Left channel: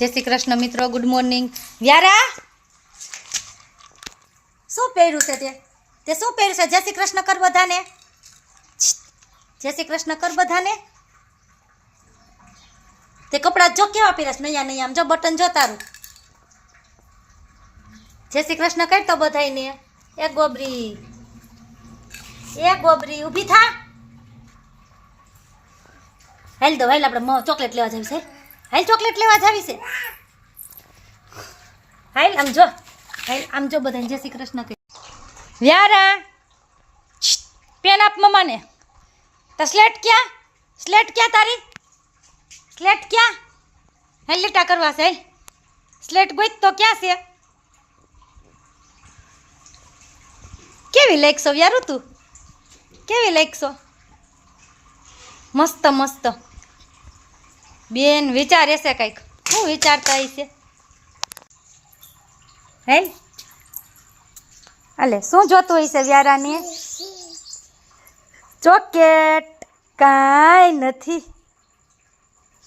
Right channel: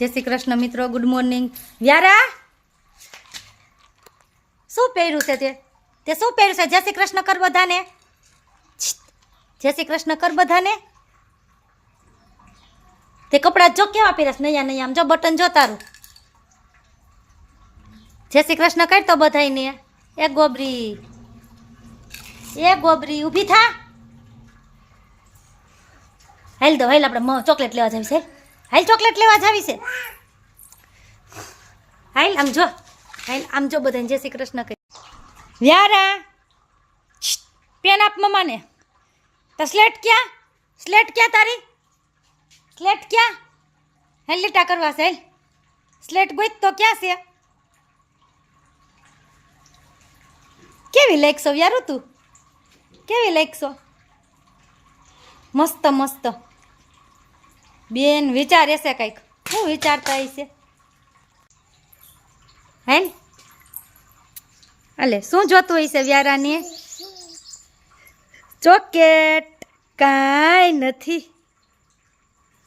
જય શ્રી કૃષ્ણ મિત્રો, good morning. Vyara શું પહેર્યું છે તે શું પહેર્યું છે? જય શ્રી કૃષ્ણ કર બધાને. જય શ્રી કૃષ્ણ કર બધાને. તે કપડાં જો કેવા પહેર્યા નયા નયા, આમ જો બટન જો તારું. જય શ્રી કૃષ્ણ કર તો બધાને. એ ગોબરી ઊભી થા. હાલ દો, હાલ આપણે ચોકલેટ લેવા જાવી છે. હાલ ચોકલેટ લેવા જાવી છે. હાલ આમ જો, હાલ આમ જો બધાને જય શ્રી કૃષ્ણ કહી. વ્યારા પેન આપ મમ્માને. તો સ્લેટ ક્યાં તારી? સ્લેટ ક્યાં? હાલ લીટા કરવા છે. સ્લેટ ગોઈ તો ક્યાં છે? કેવી લાગશો વ્યારું તું? કેવી લાગશો? મસ્ત મસ્ત. બેન વિચારે છે કંઈક. શું વિચારતા હશે? હે અલે શું જોતું હશે વ્યારાને? ચોકેટ? કાંઈ નથી,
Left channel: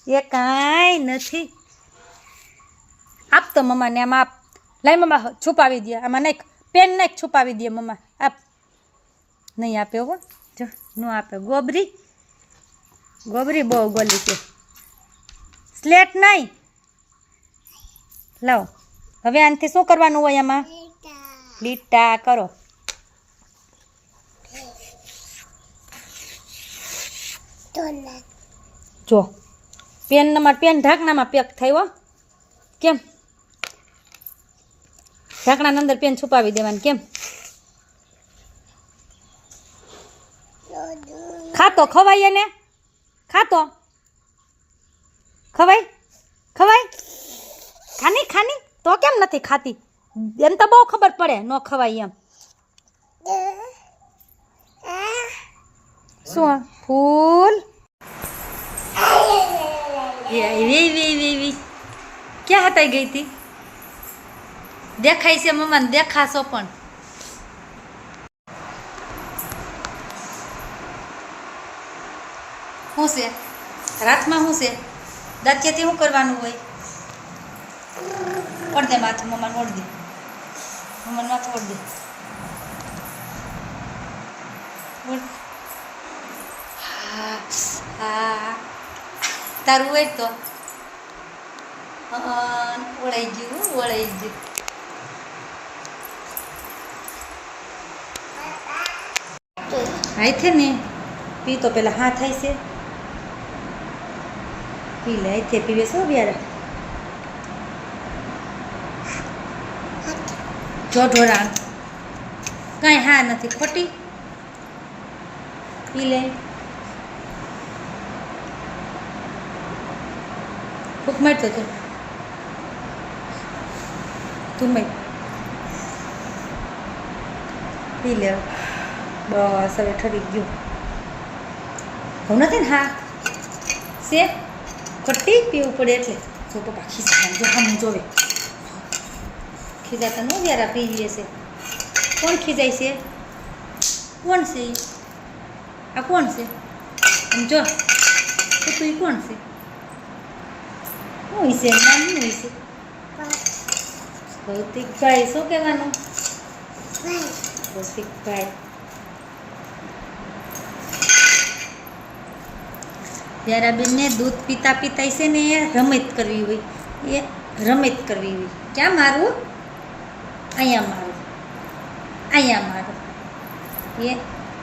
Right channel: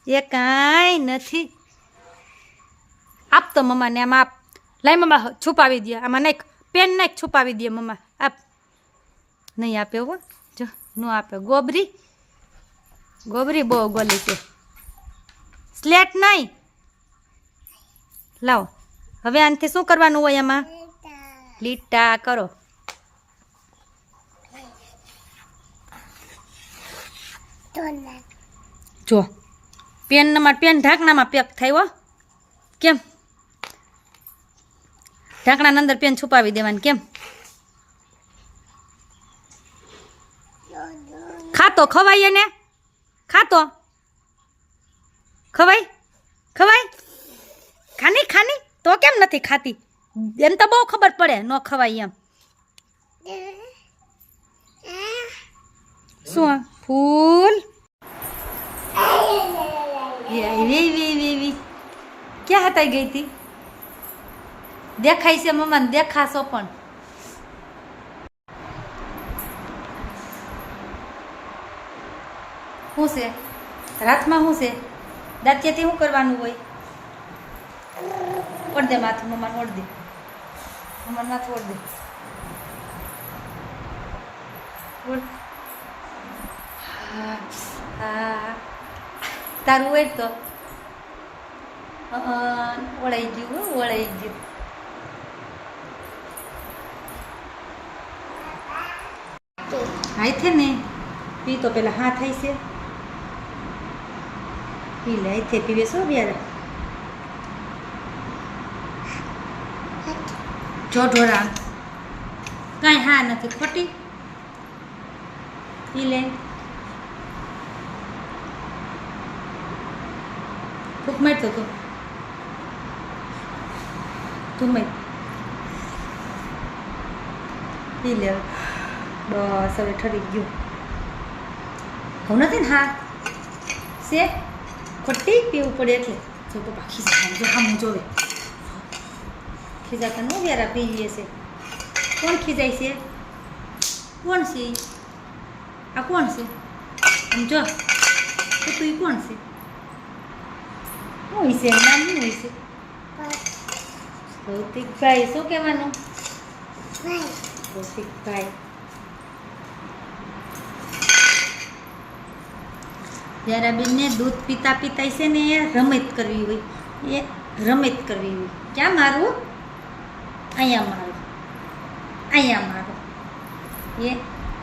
એ કાંઈ નથી. આપ તો મમ્માને આમ આપ. લાઈ મમ્મા છુપાવી દે આમાં. નાખ પેન, નાખ છુપાવી દે મમ્મા. આપ. નહીં આપે હો, જો ન આપે. ગોબરી બહુ ગોલી છે. સ્લેટ નહીં લાવો. હવે આનાથી શું કરવાનું હોય? આમાં લીટા કરો. જો પેનમાં પેન ઢાંકણામાં પેક થાય હો. કેમ? ઢાંકણાની અંદર પેન છુપાવી દેવાની. કેમ? ખાતો ખવાય ને? ખાતો ખવાય? ખાની તો કેમ નથી ખાતી? એમ તો બહુ ખબર પડે ન ખવાય એમ. શું ફૂલ? ક્યાં હતા ગઈ હતી? દેખાય છે મમ્માને? દેખાશો પણ. શું છે રાતમાં? શું છે દાંતિયાથી? શું કરવાનું હોય? ઓઢ દે માથું મમ્માને. ઓઢ દે મમ્માને માથું. ઓઢ દે. હા હા તારું હોય તો ઓળાઈ ગયું. હાથે ને પી તો પેલા હા થાય છે. પી લે. હાથે પીવે શું વ્યારા? જો ઢોરા કાંઈ હા નથી, ખોટી. પી લે. ભૂખ મારતો તો તું માર. પી લે બસ. હવે ઠરી ગયું. હું નથી ને? હા છે ખોટી. પીવું પડે એટલે. જો પપ્પા ખીજાતા, જો આમ જોવે. ખીજાતા નો વ્યારા પી લે છે. કોણ ખીજાય છે? કોણ છે? આ કોણ છે? આમ જો તું. એ કોણ છે? શું છે નામ? શું છે? ભૌતિકભાઈ. શું કહેવાનું? ભૌતિકભાઈ. વ્યારાબેનને દૂધ પીતા છે ને રમત કરવી હોય. એ રમત કરવી હોય. ક્યાં મારું? અહીંયા મારું. અહીંયા મારું. એ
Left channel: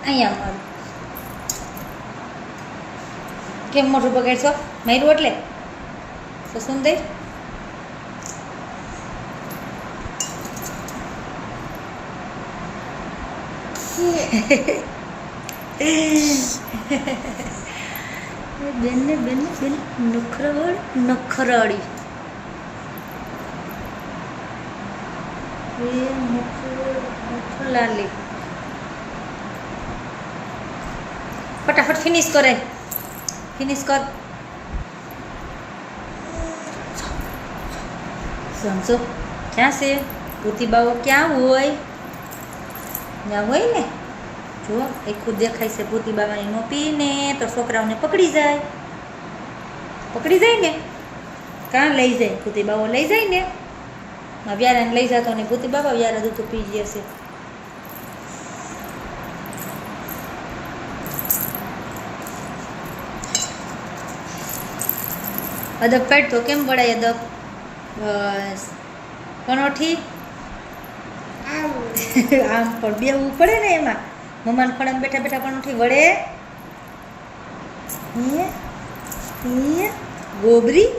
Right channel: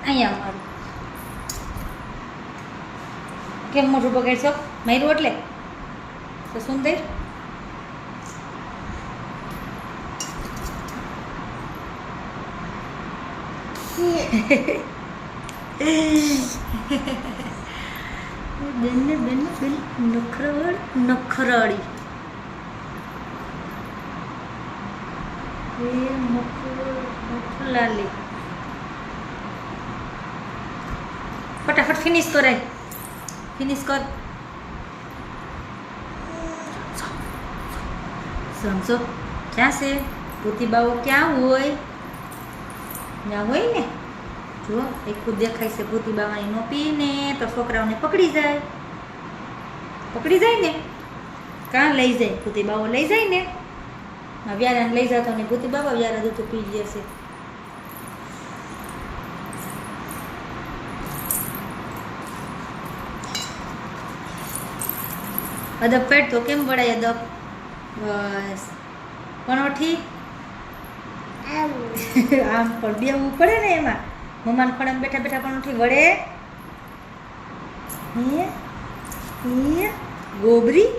અહીંયા મારું. કેમ મોઢું બગાડશો? માર્યું એટલે તો સુંદર. બેન નખરાળી. લાલી. ફટાફટ ફિનિશ કરે. ફિનિશ કર. સમજો ક્યાં છે? ભૂતીબાઓ ક્યાં હોય? ત્યાં હોય ને. જો આખું દેખાય છે. ભૂતીબાવાની નો પીને તો છોકરાઓને પકડી જાય ને. કાં લઈ જાય ભૂતી બાબો લઈ જાય ને વ્યારાને લઈ જતો ને ભૂતી બાબા વ્યારા દૂધ પી જશે. અદબ પેટ તો કેમ વળાય અદબ? બસ પણોઠી આમ પણ બેવું પડે ને એમાં. મમ્માને ખોડામાં બેઠા બેઠા પણોઠી વળે. ગોબરી